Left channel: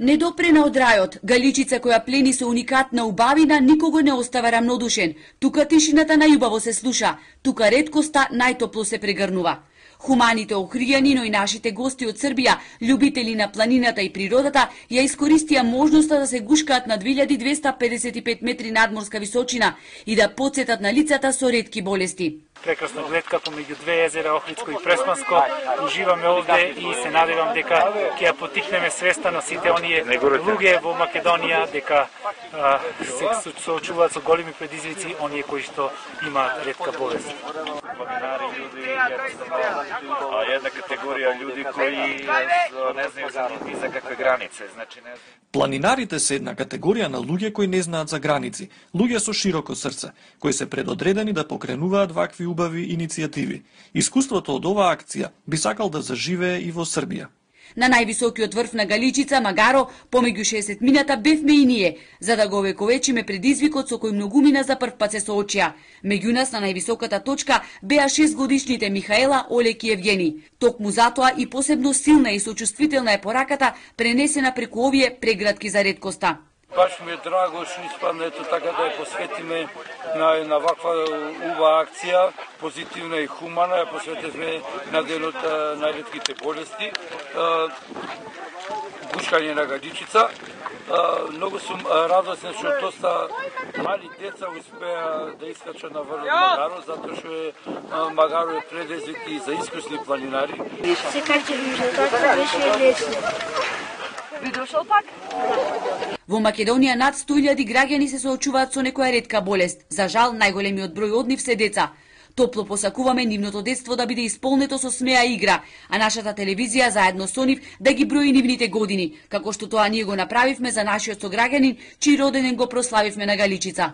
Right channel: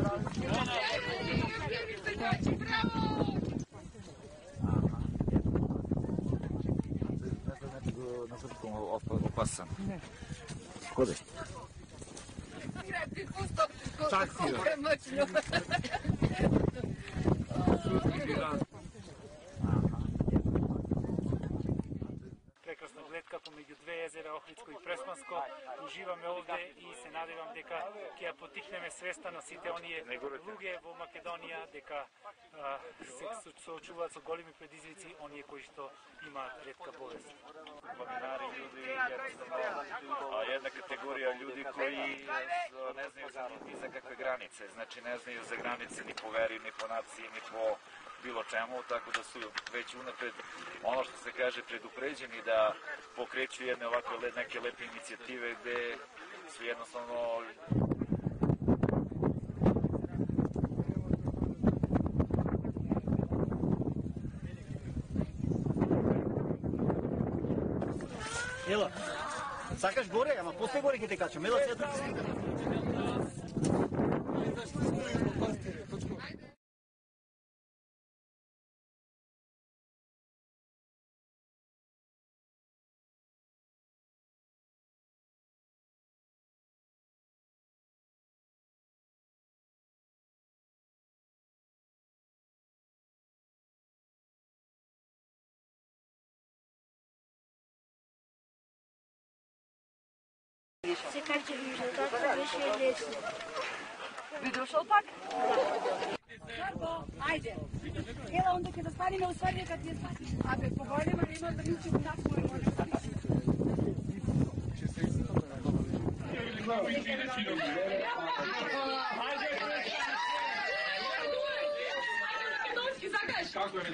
Недопрена од рајот, Галичица која плени со уникатна убавина никого не остава рамнодушен. Тука тишината најубаво се слуша, тука реткоста најтопло се прегрнува. Хуманите охријани, но и нашите гости од Србија, љубители на планината и природата, ја искористија можноста да се гушкаат на 2255 метри надморска височина и да потсетат на лицата со ретки болести. Прекрасна гледка помеѓу две езера, Охридско и Преспанско. Уживаме овде и се надевам дека ќе ја потикнеме свеста на сите оние луѓе во Македонија дека се соочуваат со големи предизвици оние кои што имаат ретка болест. Планинари една категорија луѓе кои не знаат за какви границе, значи не знаат. Планинарите се една категорија на луѓе кои не знаат за граници, луѓе со широко срце, кои се предодредени да покренуваат вакви убави иницијативи. Искуството од оваа акција би сакал да заживее и во Србија. На највисокиот врв на Галичица, Магаро, помеѓу 60 мината бевме и ние, за да го овековечиме предизвикот со кој многумина за прв пат се соочија. Меѓу нас на највисоката точка беа 6-годишните Михаела, Олег и Евгени. Токму затоа и посебно силна и сочувствителна е пораката пренесена преку овие прегратки за реткоста. Баш ми е драго што испадна ето така да ја посветиме на ваква убава акција, позитивна и хумана, ја посветивме на денот на ретките болести, гушкање на Галичица. Многу сум радосен што доста мали деца успеа да искачат на врв Магаро, затоа што Магаро е предизвик и за искусни планинари. Се качевме така беше лесно. Би дошол пак? Во Македонија над 100.000 граѓани се соочуваат со некоја ретка болест. За жал, најголемиот број од нив се деца. Топло посакуваме нивното детство да биде исполнето со смеа и игра, а нашата телевизија заедно со нив да ги брои нивните години, како што тоа ние го направивме за нашиот сограѓанин, чиј роденден го прославивме на Галичица.